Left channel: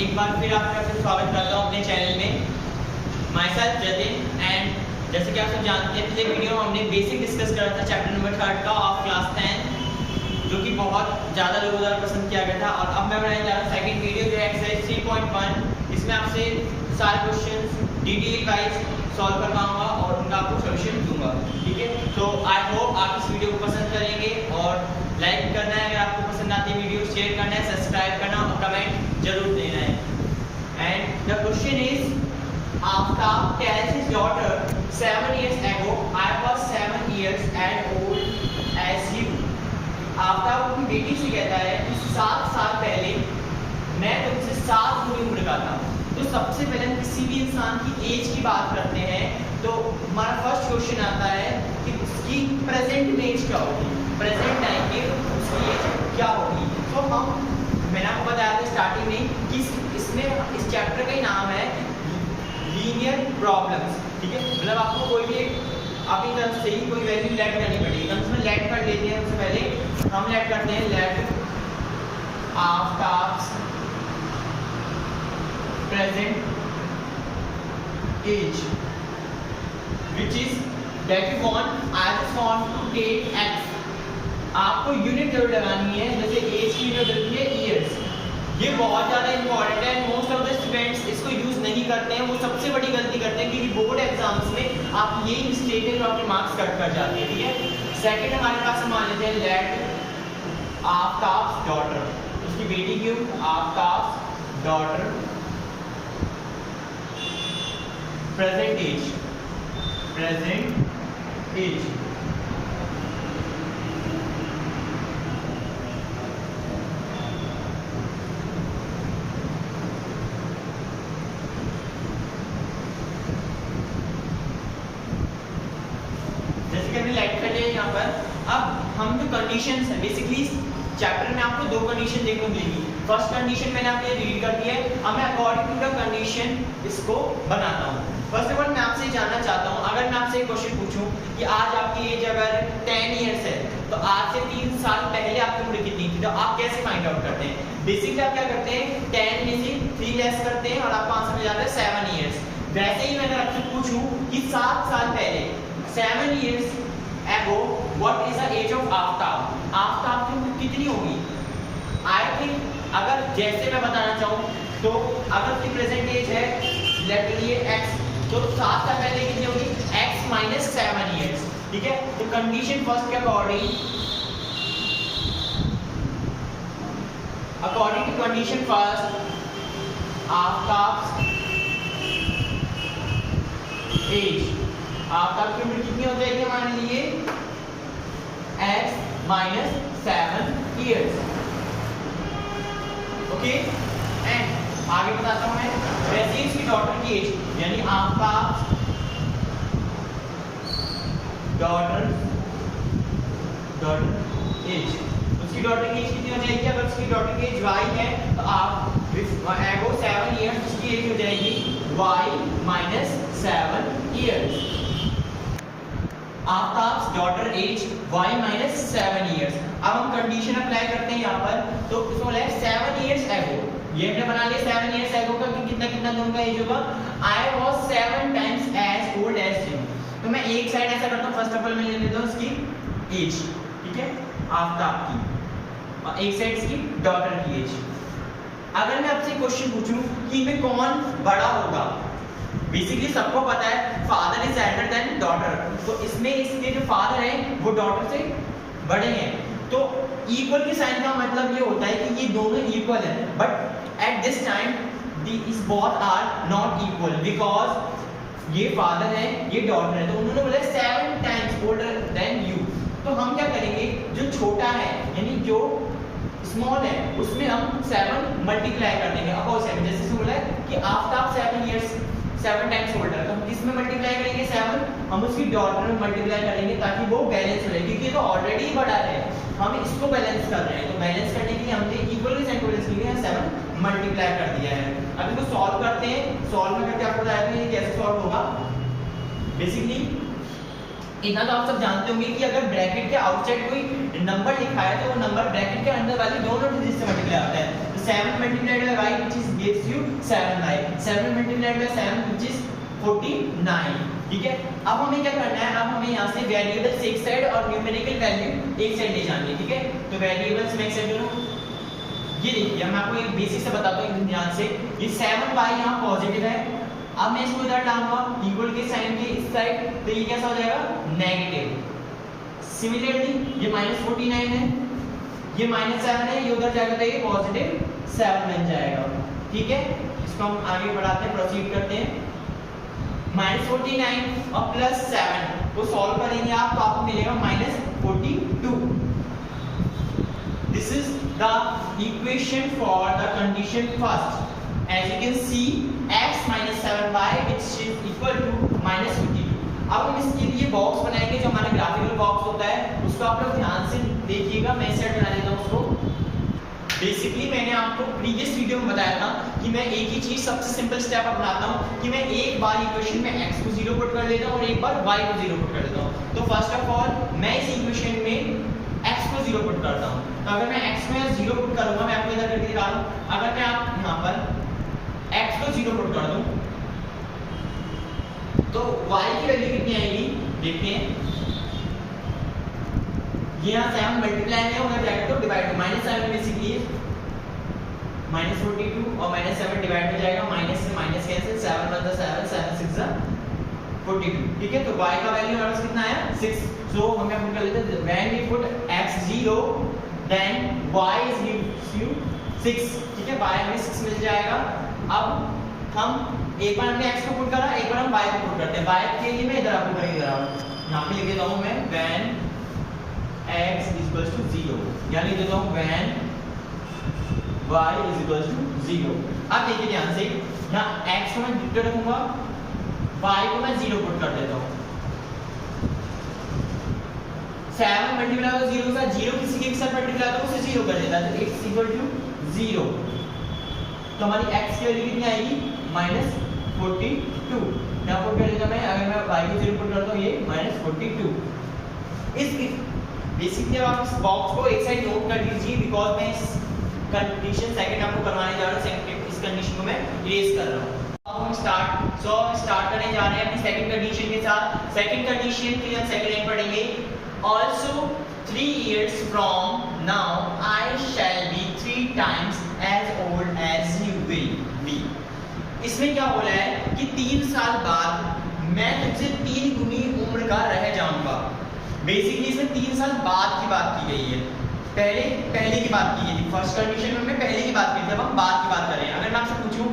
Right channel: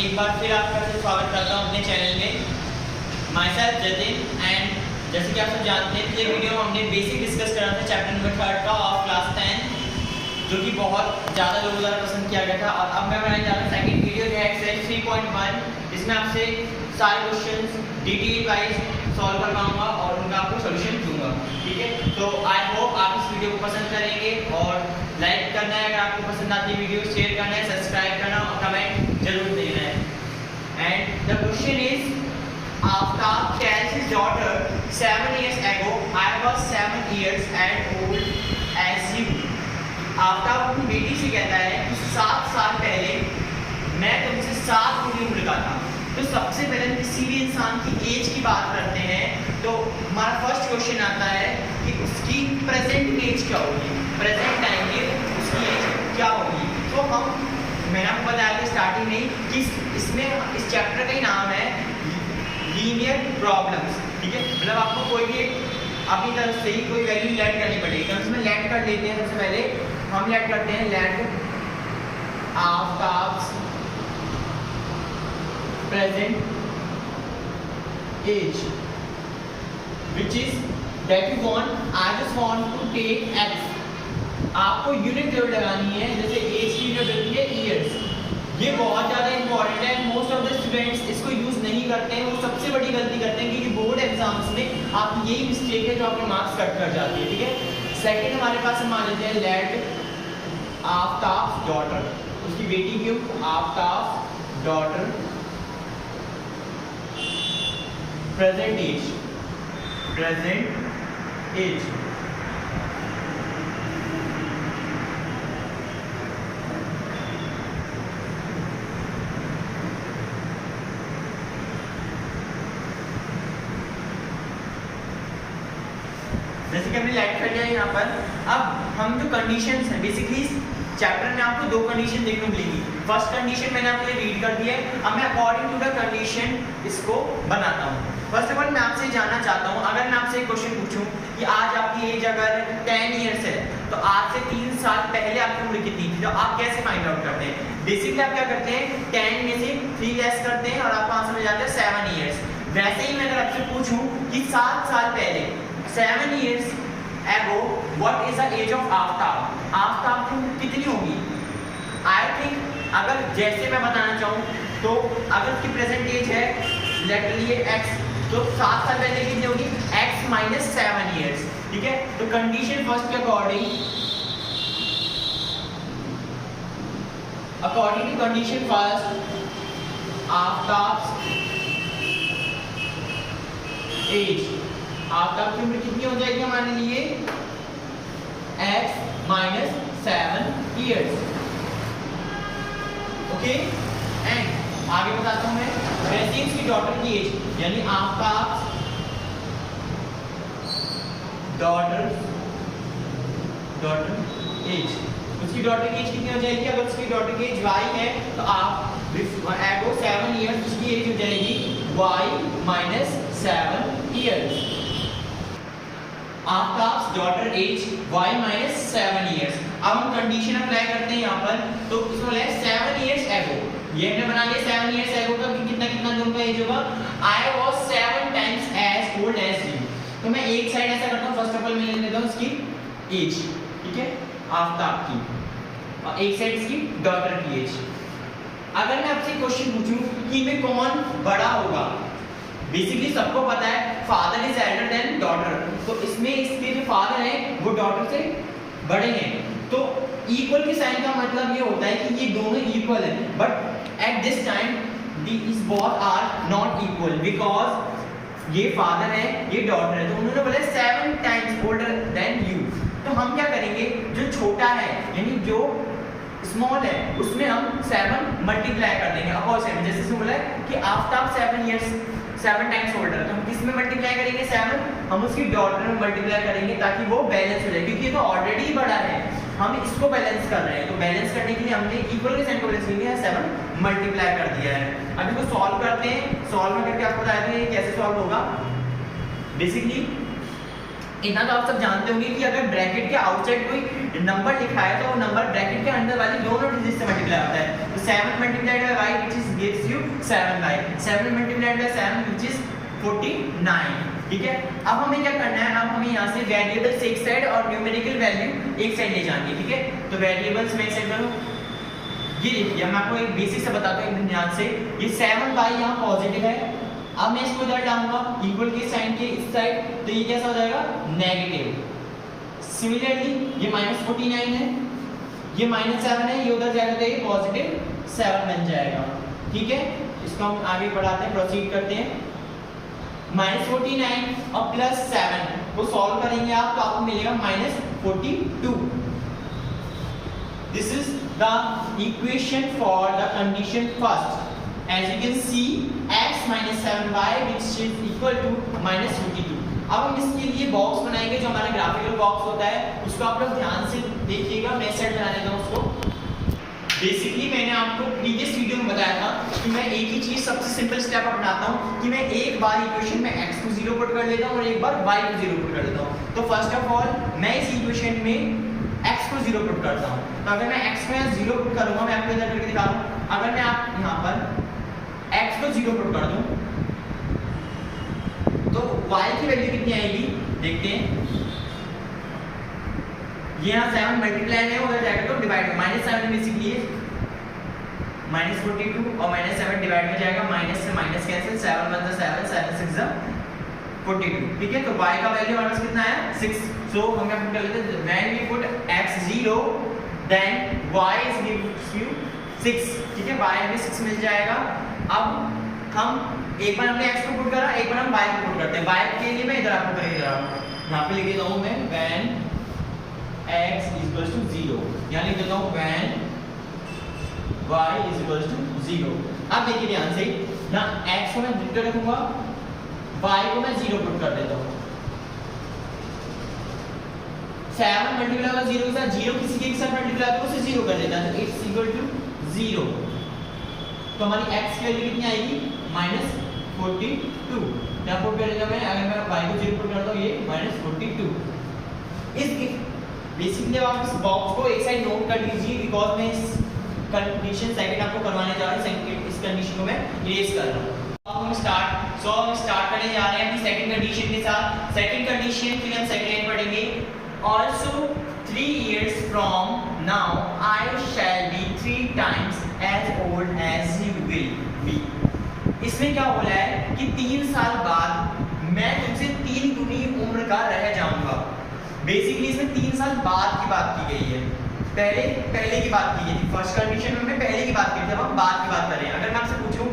एक बार फिर आपका स्वागत करता हूँ अपने चैनल में। माई सेल्फ जतिन एंड जैसे कि आप सब जानते हैं पिछले वीडियो में हमने बेसिक डिस्कस करा था चैप्टर नंबर 3 का ऑफ क्लास 10 जो कि बहुत ज़्यादा लोगों द्वारा पसंद किया गया था। और अब मैं बनाने जा रहा हूँ सेकंड वीडियो जो है एक्सरसाइज 3.1 जिसमें आपसे सारे क्वेश्चंस डिटेल वाइज सॉल्व करवाऊंगा और उनका आपको सोल्यूशन दूंगा। ठीक है, तो आई होप आप इस वीडियो को पसंद करेंगे और लाइक करना है अगर आपको पसंद आती है वीडियो, शेयर करना है, सब्सक्राइब करना और कमेंट जरूर देना है। And the question is Aftab tells his daughter 7 years ago I was 7 years and old as you। Aftab अपनी बेटी से कहता है कि 7 साल पहले मैं तुमसे 7 गुनी उम्र का था। तो सबसे पहले किसी भी इंसान की एज की बात करते हैं तो हमारा फर्स्ट क्वेश्चन आता है कि उसकी प्रेजेंट एज क्या होगी, प्रेजेंट टाइम में उसकी एज क्या होगी। तो मैंने आपको बताया था स्टार्टिंग में कि इसमें इस चैप्टर का ही नाम है लीनियर प्रॉब्लम्स। ठीक है, मतलब आपको कोई भी अपनी तरफ से ही कोई वैल्यू लेट करनी पड़ेगी। हम इसमें लेट कर लेते हैं। सबसे पहले हम लेट करते हैं let Aftab's present age which is that you want, I just want to take x। आपको यूनिट जरूर लगानी है, जैसे एज की यूनिट होती है ईयर्स। ये बहुत ज़्यादा इंपॉर्टेंट है। मोस्ट ऑफ द स्टूडेंट्स इसको यूज़ नहीं करते हैं, वो सबसे बड़ी गलती करते हैं क्योंकि बोर्ड एग्जाम्स में आप यही मिस्टेक है जो आपके मार्क्स कट कर जाते हैं। ठीक है, सेकंड हमारे पास हम मान लेते हैं लेट आफ्ताब्स डॉटर, उसकी बेटी की आफ्ताब्स डॉटर प्रेजेंट एज जैसे कि हमने लाइट कर लिया यहाँ पर। अब हम जो कंडीशंस हैं बेसिकली चैप्टर में आपको 2 कंडीशन देखने को मिलेगी। फर्स्ट कंडीशन मैंने आपके लिए रीड कर दी है। अब मैं अकॉर्डिंग टू द कंडीशन इसको बनाता हूँ। फर्स्ट ऑफ ऑल मैं आपसे जानना चाहता हूँ, अगर मैं आपसे एक क्वेश्चन पूछूं कि आज आपकी एज अगर 10 इयर्स है तो आज से 3 साल पहले आपकी उम्र कितनी थी, तो आप कैसे फाइंड आउट करते हैं? बेसिकली आप क्या करते हैं, 10 में से 3 लेस करते हैं और आपको आंसर मिल जाता है 7 इयर्स। वैसे ही मैं अगर आपसे पूछूं कि 7 साल पहले 7 years ago what is the age of Aftab, Aftab की उम्र कितनी होगी? आई थिंक अगर जैसे मैं बताना चाहूँ तो अगर उसकी प्रेजेंट एज है लेट लिए x, तो 7 साल पहले कितनी होगी? x minus 7 years। ठीक है, तो कंडीशन फर्स्ट के according to condition first Aftab age, Aftab की उम्र कितनी हो जाएगी हमारे लिए? x minus 7 years। Okay, and आगे बताता हूँ मैं वैसे इसकी डॉटर की एज यानी आफ्ताब डॉटर एज, उसकी डॉटर की एज कितनी हो जाएगी? अगर उसकी डॉटर की एज y है तो आप एगो 7 इयर्स उसकी एज हो जाएगी y minus 7 years। Aftab's daughter age y minus 7 years। अब हम कंडीशन अप्लाई करते हैं यहाँ पर, तो उसमें बोला है 7 years ago, ये हमने बना लिया 7 years ago का कितना कितना लोगों का एज होगा? I was 7 times as old as you। तो मैं एक साइड ऐसा करता हूँ, फर्स्ट ऑफ ऑल मैं ले लेता हूँ उसकी एज, ठीक है, आफ्ताब की, और एक साइड इसकी डॉटर की एज। अगर मैं आपसे क्वेश्चन पूछूं कि इनमें कौन बड़ा होगा, बेसिकली सबको पता है father is elder than daughter, तो इसमें इसके जो फादर हैं वो डॉटर से बड़े हैं। तो इक्वल के साइन का मतलब ये होता है कि ये दोनों इक्वल हैं, but at this time these both are not equal because ये फादर है ये डॉटर है, तो उन्होंने बोला 7 टाइम्स ओल्डर देन यू। तो हम क्या करेंगे, जो छोटा है यानी जो स्मॉल है उसमें हम 7 मल्टीप्लाई कर देंगे अपॉन 7। जैसे इसमें बोला है कि आफ्ताब 7 इयर्स 7 टाइम्स ओल्डर, तो हम किसमें मल्टीप्लाई करेंगे? 7, हम उसकी डॉटर में मल्टीप्लाई करेंगे ताकि वो बैलेंस हो जाए, क्योंकि ये तो ऑलरेडी बड़ा है, हम इसको बैलेंस कर रहे हैं। तो बैलेंस करने के लिए हमने इक्वल के साइन को बैलेंस करके 7 मल्टीप्लाई कर दिया है। अब इसको सॉल्व करते हैं, सॉल्व में करके आपको बताया कि कैसे सॉल्व होगा। बेसिकली इतना तो आप सब जानते होंगे कि अगर ब्रैकेट के आउटसाइड कोई नंबर लिखा है तो वो नंबर ब्रैकेट के अंदर वाली दोनों डिजिट से मल्टीप्लाई होता है। तो 7 multiplied by y which is gives you 7y, 7 multiplied by 7 which is 49। ठीक है, अब हमें क्या करना है, अब हमें यहाँ से वेरिएबल्स एक साइड और न्यूमेरिकल वैल्यू एक साइड ले जानी है। ठीक है, तो वेरिएबल्स में एक साइड करूँ, ये देखिए मैं आपको एक बेसिक से बताता हूँ एकदम ध्यान से। ये 7y यहाँ पॉजिटिव है, अब मैं इसको इधर डालूंगा इक्वल के साइन के इस साइड, तो ये कैसा हो जाएगा, नेगेटिव। सिमिलरली ये -49 है, ये -7 है, ये उधर जाएगा तो ये +7 बन जाएगा। ठीक है, इसको हम आगे बढ़ाते हैं, प्रोसीड करते हैं। -49 और +7 को सॉल्व करेंगे आप, तो आपको मिलेगा -42। This is the equation for the condition first. As you can see, x minus 7y which is equal to -52। अब हम इसके लिए बॉक्स बनाएंगे, जो हमारा ग्राफिकल बॉक्स होता है उसको आप लोग ध्यान से देखिएगा। मैं सेट बना लेता हूँ उसको। बेसिकली मैंने आपको प्रीवियस वीडियो में बताया था कि मैं एक ही चीज सबसे सिंपल स्टेप अपनाता हूँ कि मैं एक बार इक्वेशन में x को 0 पुट कर लेता हूँ और एक बार y को 0 पुट कर लेता हूँ। तो फर्स्ट ऑफ ऑल मैं इस इक्वेशन में x को 0 पुट करता हूँ। तो अगर मैं x को 0 पुट करूँगा, मैं आपको इधर करके दिखा रहा हूँ। अगर मैं आप यहाँ पर x को 0 पुट कर दूं तो y की वैल्यू कितनी आएगी, देखते हैं। ये यहाँ 7 मल्टीप्लाई है, उधर जाएगा तो डिवाइड में -7 बेसिकली -42 और -7 डिवाइड में जाएगा, माइनस से माइनस कैंसिल, 7 1 7 7 6 42। ठीक है, तो y का वैल्यू हमारे पास कितना आया, 6। सो हम क्या पुट कर लेते हैं, when we put x 0 then y gives you 6। ठीक है, y हमें 6 मिल जाएगा। अब हम एक बार हमने x को पुट करा, एक बार हम y को पुट करते हैं। y के लिए मैं इधर आपको करके दे रहा हूँ, यहाँ पे लिख देता हूँ मैं when x is equal to 0, यहाँ लिख देता हूँ when y is equal to 0। अब देखिए ध्यान से, यहाँ x को मैं 0 रखूंगा, y को मैं 0 पुट कर देता हूँ। 7 मल्टीप्लाई होगा 0 के साथ, 0 किसी के साथ मल्टीप्लाई होगा तो उसे 0 कर देता है, तो x इक्वल टू 0। तो हमारी x की वैल्यू कितनी आएगी, -42। यहाँ पुट कर देता मैं, अगर मैं y को 0 पुट करता हूँ, ये -42। इस बेसिकली आप इस बॉक्स को एक साइड नोट कर लीजिए, बिकॉज मैं इस कंडीशन सेकंड आपको करवाने जा रहा हूँ, इस कंडीशन को मैं इरेज कर रहा हूँ। अब हम स्टार्ट करने जा रहे हैं अपनी सेकंड कंडीशन के साथ। सेकंड कंडीशन के लिए हम सेकंड लाइन पढ़ेंगे। Also 3 years from now I shall be 3 times as old as you will be। इसमें क्या बोला है कि 3 साल बाद मैं तुमसे 3 गुनी उम्र का रह जाऊंगा। बेसिकली इसमें 3 साल बाद की बात की गई है, पहले की बात की गई थी। फर्स्ट कंडीशन में पहले की बात की थी, अब हम बाद की बात कर रहे हैं। अगर मैं आपसे पूछूं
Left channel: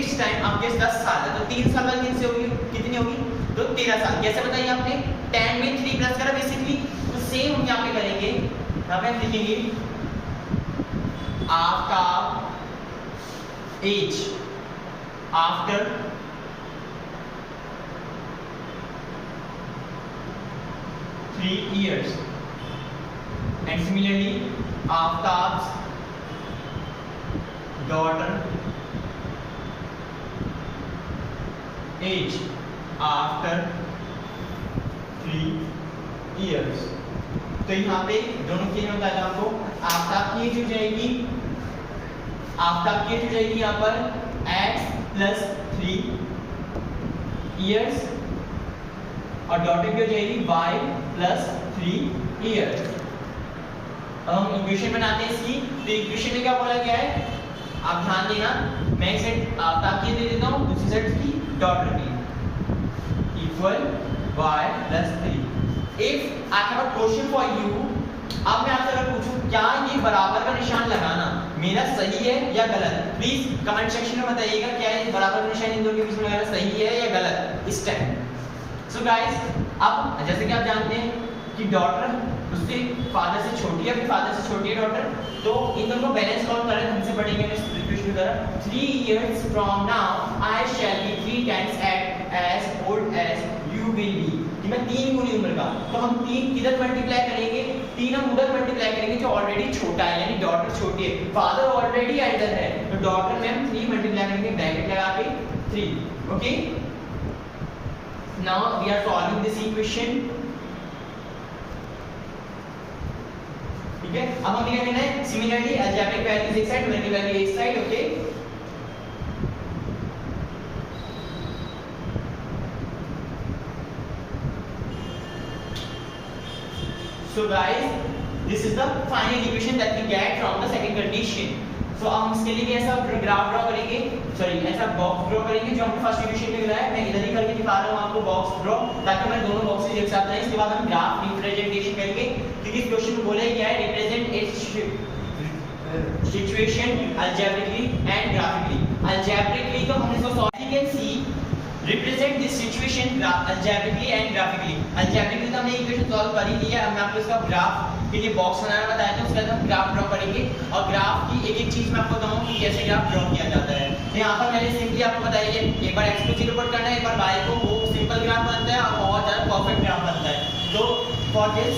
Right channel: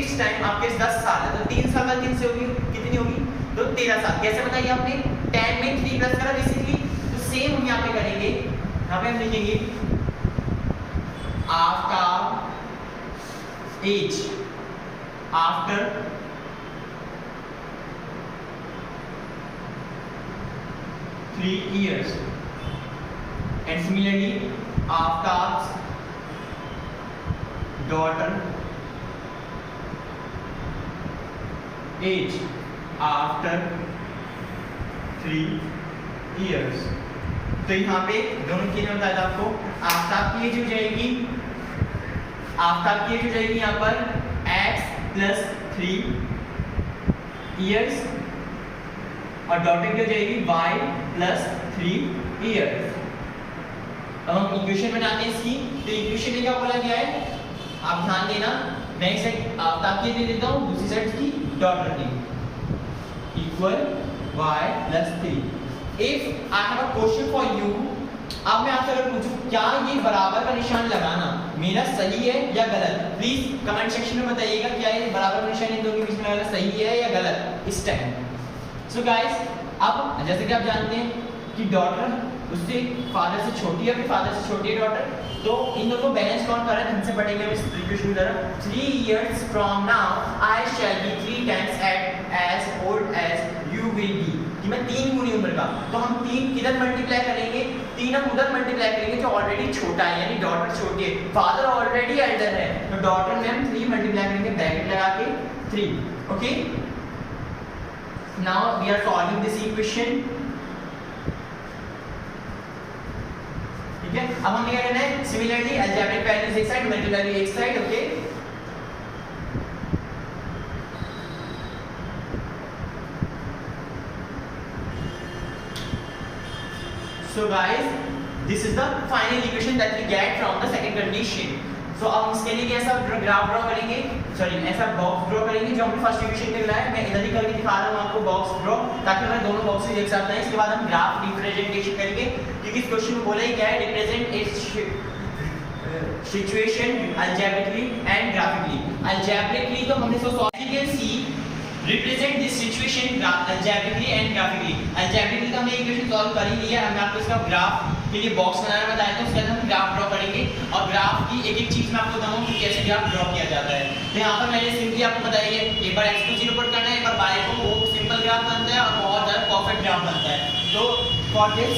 इस टाइम आपके 10 साल है, तो 3 साल बाद कितनी होगी, कितनी होगी, तो 13 साल। कैसे बताइए आपने, 10 में 3 प्लस करा बेसिकली, तो सेम हम यहाँ पे करेंगे। यहाँ पे हम लिखेंगे after age, after 3 years, and similarly after daughter age after 3 years। तो यहाँ पे दोनों चीजें बताया था आपको। आफ्ताब की एज हो जाएगी, आफ्ताब की एज हो जाएगी यहाँ पर x प्लस 3 years और डॉटर की हो जाएगी y प्लस 3 years। अब हम इक्वेशन बनाते हैं इसकी। तो इक्वेशन में क्या बोला गया है, आप ध्यान देना। मैं एक साइड आफ्ताब की दे देता हूँ, दूसरी साइड की डॉटर की, equal y plus 3। If I have a question for you, अब मैं आपसे अगर पूछूं क्या ये बराबर का निशान लगाना मेरा सही है या गलत, प्लीज कमेंट सेक्शन में बताइएगा क्या ये बराबर का निशान इन दोनों के बीच में लगाना सही है या गलत इस टाइम। सो गाइस, अब जैसे कि आप जानते हैं कि डॉटर उससे फादर से छोटी है, फिर फादर से छोटी है डॉटर, तो इन दोनों को बैलेंस कौन कर रहा है, हमसे पढ़ेंगे हम इस इक्वेशन की तरह। 3 years from now I shall be 3 times as old as you will be, कि मैं 3 गुनी उम्र का। तो हम 3 किधर मल्टीप्लाई करेंगे, 3 हम उधर मल्टीप्लाई करेंगे जो ऑलरेडी छोटा है, यानी डॉटर छोटी है, फादर ऑलरेडी एल्डर है, तो डॉटर में हम 3 मल्टीप्लाई करेंगे ब्रैकेट लगा के 3। Okay, now we are solving this equation. ठीक है। अब हमें क्या करना है, सिमिलरली अलजेब्रिक वैल्यूज एक साइड, न्यूमेरिकल वैल्यू एक side, okay. So guys, this is the final equation that we get from the second condition. So अब हम इसके लिए ऐसा ग्राफ ड्रॉ करेंगे, सॉरी ऐसा बॉक्स ड्रॉ करेंगे जो हमने फर्स्ट इक्वेशन में बनाया है। मैं इधर ही करके दिखा रहा हूँ आपको बॉक्स ड्रॉ, ताकि मैं दोनों बॉक्स एक साथ लाएं। इसके बाद हम ग्राफ रिप्रेजेंटेशन करेंगे, क्योंकि इस क्वेश्चन में बोला ही क्या है, represent it's situation algebraically and graphically. Algebraically तो हमने इसको सॉल्व किया, सी represent this situation algebraically and graphically। algebraically तो हमने इक्वेशन सॉल्व कर ही लिया। अब मैं आपको इसका ग्राफ के लिए बॉक्स बनाना बताया था, उसके बाद हम ग्राफ ड्रॉ करेंगे और ग्राफ की एक एक चीज मैं आपको बताऊंगा कि कैसे ग्राफ ड्रॉ किया जाता है। तो यहाँ पर मैंने सिंपली आपको बताइए, एक बार x को 0 पुट करना है, एक बार y को, वो सिंपल ग्राफ बनता है और बहुत ज्यादा परफेक्ट ग्राफ बनता है। तो for this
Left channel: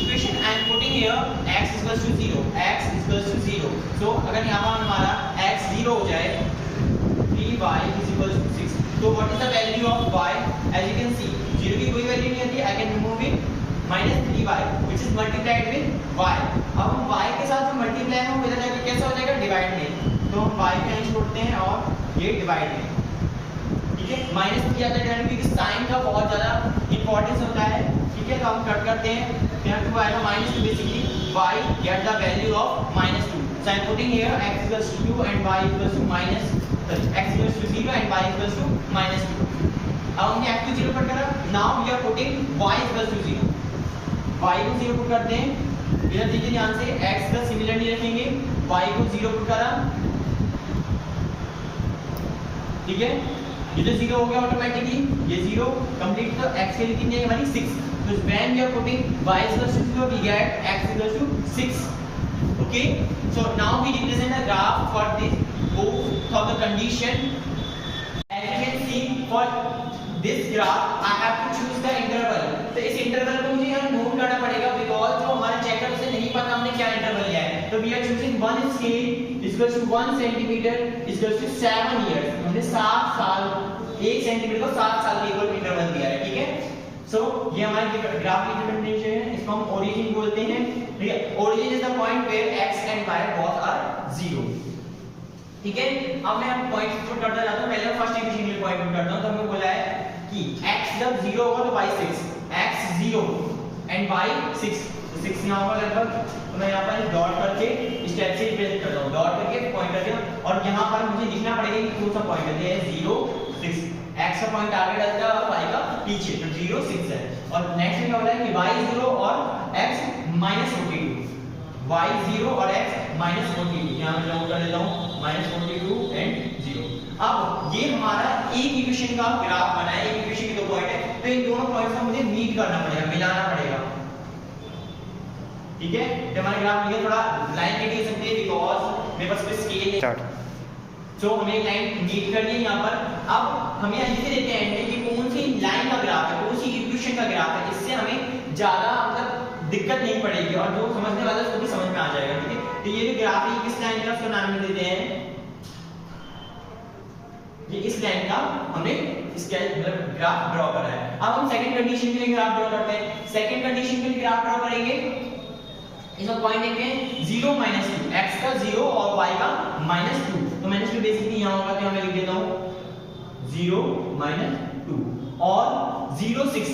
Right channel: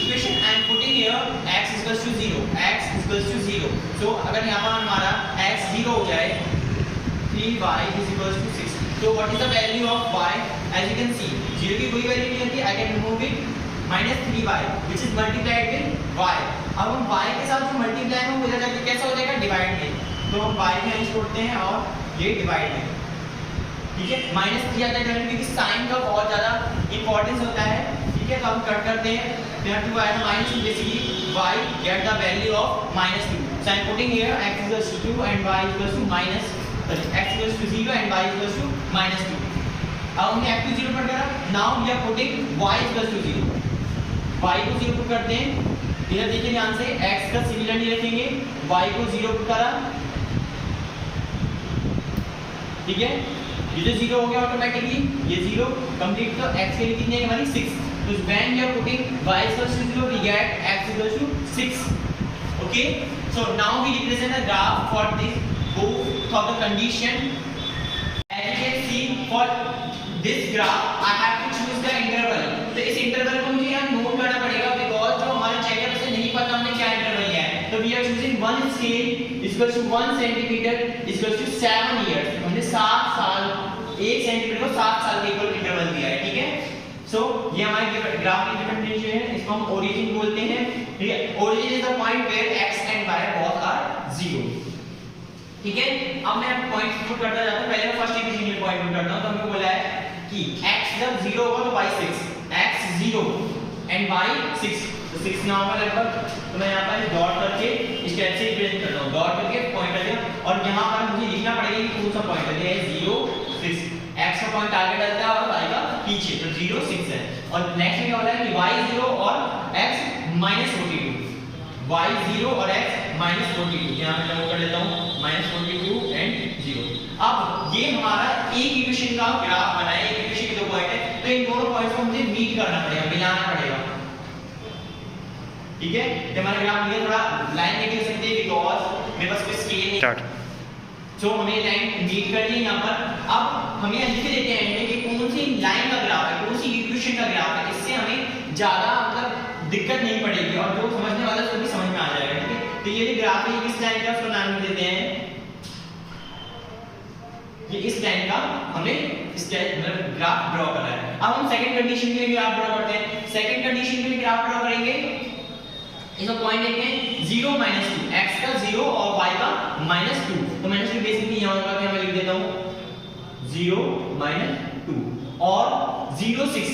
equation I am putting here x equals to 0, x equals to 0। So अगर यहाँ पर हमारा x 0 हो जाए, 3y is equals to 6। So what is the value of y? As you can see, 0 की कोई वैल्यू नहीं होती, I can remove it, minus 3y which is multiplied with y। अब हम y के साथ जो मल्टीप्लाई है वो इधर जाके कैसा हो जाएगा, डिवाइड में। तो हम y के अंश छोड़ते हैं और ये डिवाइड में, ठीक है। माइनस 3 आता है क्योंकि साइन का बहुत ज़्यादा इंपॉर्टेंस होता है, ठीक है। तो हम कट करते हैं, यहाँ 2 आएगा minus 2, basically y get the value of minus 2। So I am putting here x equals to 2 and y equals to minus, x equals to 0 and y equals to minus 2। अब हमने x को 0 put करा, now we are putting y equals to 0। y को 0 put करते हैं, इधर देखिए ध्यान से, x का सिमिलरली रखेंगे, y को 0 पुट करा, ठीक है। ये जो 0 हो गया ऑटोमेटिकली, ये 0 कंप्लीट। तो x के लिए कितने है हमारी 6। तो when we are putting y equals to 0 we get x equals to 6, okay। So now we represent the graph for this both of the condition। As you can see, for this graph I have to choose the interval। तो इस interval को मुझे यहाँ note करना पड़ेगा, because जो हमारे checker से नहीं पता हमने क्या इंटरवल लिया है। तो we are choosing 1 scale equals to 1 centimeter equals to 7 years। हमने 7 साल, 1 सेंटीमीटर को 7 साल के इक्वल इंटरवल दिया है, ठीक है। सो ये हमारे ग्राफ की रिप्रेजेंटेशन है, इसको हम ओरिजिन बोलते हैं, ठीक है। Origin is the point where x and y both are 0, ठीक है। अब मैं पॉइंट पुट करता जाता हूं, पहले मैं फर्स्ट इक्वेशन के पॉइंट पुट करता हूं। तो हमने बोला है कि x जब 0 होगा तो y 6, x 0 एंड y 6। तो 6 यहां पर लगभग, तो मैं यहां पर डॉट करके स्टेप से रिप्रेजेंट करता हूं, डॉट करके पॉइंट करते हैं। और यहां पर मुझे लिखना पड़ेगा कि कौन सा पॉइंट है, 0 6। x का पॉइंट आगे डलता है और y का पीछे, तो 0 6 है। और नेक्स्ट में क्या बोला है कि y 0 और x -42, y 0 और x -42, यहां मैं जमा कर लेता हूं, -42 एंड 0। अब ये हमारा एक इक्वेशन का ग्राफ बना है, एक इक्वेशन के दो पॉइंट है, तो इन दोनों पॉइंट्स को मुझे मीट करना पड़ेगा, मिलाना पड़ेगा, ठीक है। जब हमारा ग्राफ ये थोड़ा लाइन नहीं हो सकती है बिकॉज़ मेरे पास कोई स्केल नहीं। तो हमें लाइन मीट कर ली यहाँ पर। अब हमें लिख देते हैं कि कौन सी लाइन का ग्राफ है, कौन सी इक्वेशन का ग्राफ है, इससे हमें ज्यादा मतलब दिक्कत नहीं पड़ेगी और जो समझने वाला उसको भी समझ में आ जाएगा, ठीक है। तो ये जो ग्राफ है किस लाइन का, उसका नाम देते हैं, ये इस लाइन का हमने इसका ग्राफ ड्रॉ करा है। अब हम सेकंड कंडीशन के लिए ग्राफ ड्रॉ करते हैं। सेकंड कंडीशन के लिए ग्राफ ड्रॉ करेंगे, इसका पॉइंट लेते हैं 0 -2, x का 0 और y का -2। तो -2 बेसिकली यहां होगा, तो मैं लिख देता हूं 0 -2 और 0 6,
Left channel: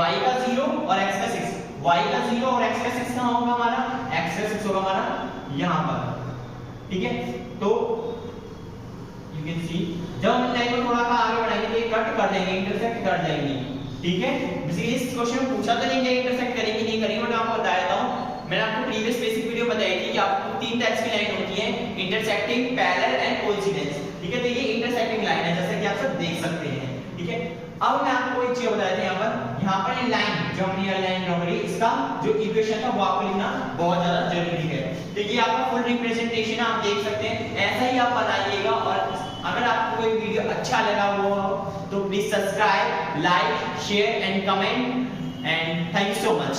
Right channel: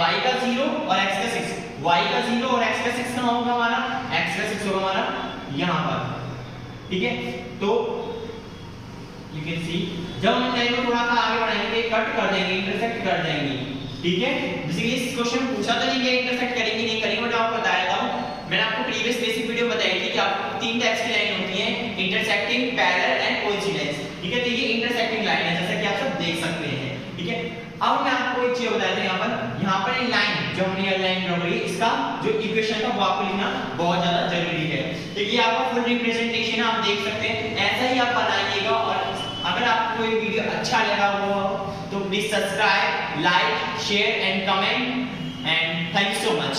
y का 0 और x का 6, y का 0 और x का 6 कहां होगा हमारा, x का 6 होगा हमारा यहां पर, ठीक है। तो यू कैन सी जब हम लाइन को थोड़ा सा आगे बढ़ाएंगे, कट कर देंगे, इंटरसेक्ट कर देंगे, ठीक है। बेसिकली इस क्वेश्चन में पूछा तो नहीं कि इंटरसेक्ट करेंगे नहीं करेंगे, बट आपको बता देता हूं। मैंने आपको प्रीवियस बेसिक वीडियो बताई थी कि आपको 3 टाइप्स की लाइन होती है, इंटरसेक्टिंग, पैरेलल एंड कोइंसिडेंस, ठीक है। तो ये इंटरसेक्टिंग लाइन है, जैसा कि आप सब देख सकते हैं, ठीक है। अब मैं आपको एक चीज बताया था, यहाँ पर ये लाइन जो हमने ये लाइन ड्रॉ करी, इसका जो इक्वेशन था वो आपको लिखना बहुत ज्यादा जरूरी है। तो ये आपका फुल रिप्रेजेंटेशन आप देख सकते हैं, ऐसा ही आप बनाइएगा। और अगर आपको ये वीडियो अच्छा लगा हो तो please subscribe, like, share and comment, and thank you so much.